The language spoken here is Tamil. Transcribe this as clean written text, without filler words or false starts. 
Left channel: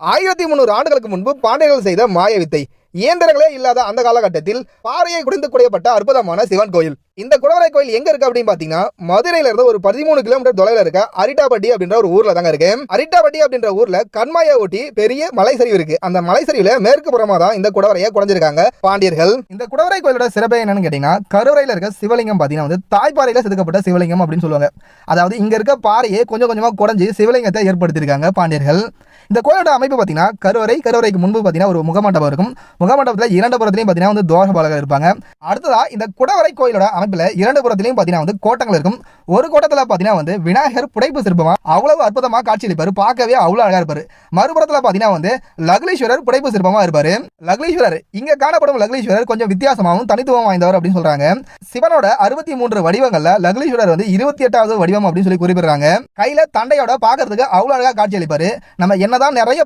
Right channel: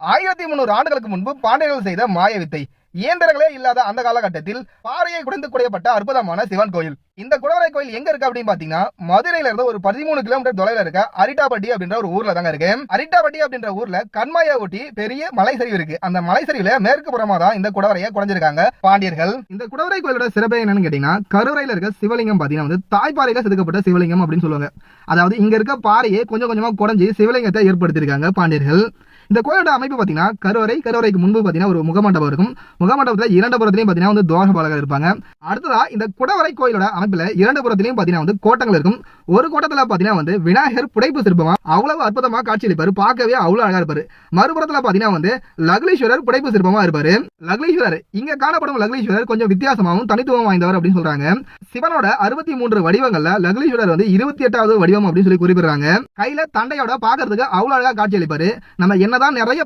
1300 ஆண்டுகளுக்கு முன்பு பாண்டியர்கள் செய்த மாய வித்தை. இயந்திரங்களே இல்லாத அந்த காலகட்டத்தில் பாறையை குடைந்து குடையப்பட்ட அற்புதமான சிவன் கோயில். இந்த குடவரை கோயில் எங்க இருக்கு அப்படின்னு பாத்தீங்கன்னா, மதுரையில இருந்து ஒரு 13 கிலோமீட்டர் தொலைவில் இருக்க அரிட்டாப்பட்டி அப்படின்ற ஒரு ஊர்ல தாங்க இருக்கு. அரிட்டாப்பட்டி அப்படின்ற ஊர்ல கண்மாயை ஒட்டி பெரிய மலைசரிவு இருக்கு. அந்த மலைசரிவுல மேற்கு புறமா தான் இந்த குடவரையை குடைஞ்சிருக்காங்க பாண்டியர்கள். இந்த குடவரை கோயிலோட சிறப்பு என்னன்னு கேட்டீங்கன்னா, கருவறையில இருக்க சிவலிங்கம் பாத்தீங்கன்னா வந்து தாய்ப்பாறையில செதுக்கப்பட்ட சிவலிங்கம் அப்படின்னு சொல்லுவாங்க. அதாவது இங்க இருக்க பாறையை கொஞ்சம் கொஞ்சமா குடைஞ்சி சிவலிங்கத்தை ஏற்படுத்தியிருக்காங்க பாண்டியர்கள். இந்த கோயிலோட அமைப்பு பார்த்தீங்கன்னா, கருவறைக்கு முன்பு பார்த்தீங்கன்னா ஒரு முகமண்டபம் இருக்கும். முகமண்டபத்தில் 2 புறத்திலையும் பார்த்தீங்கன்னா வந்து துவாரபாலகர் இருப்பாங்க. அடுத்ததா இந்த குடவரை கோயிலோட அமைப்பில் 2 புறத்திலையும் பார்த்தீங்கன்னா வந்து கோட்டங்கள் இருக்கும். ஒரு கோட்டத்தில் பார்த்தீங்கன்னா வந்து விநாயகர் புடைப்பு சிற்பமா அவ்வளவு அற்புதமாக காட்சியளிப்பாரு. பார்க்கவே அவ்வளவு அழகா இருப்பாரு. மறுபுறத்தில் பார்த்தீங்கன்னா வந்து லக்லீஸ்வரர் புடைப்பு சிற்பமா இருப்பாரு. லக்லீஸ்வரர் இங்க காணப்படும் லக்லீஸ்வரர் கொஞ்சம் வித்தியாசமாகவும் தனித்துவம் வாய்ந்தவர் அப்படின்னு சொல்றாங்க. சிவனோட 63 வடிவங்கள்ல லக்லீஸ்வரர் வந்து 28வது வடிவம் அப்படின்னு சொல்லி குறிப்பிடுறாங்க. கையில தண்டையோட பார்க்கறதுக்கு அவ்வளவு அழகா காட்சி அளிப்பாரு. நம்ம என்னதான் நிறைய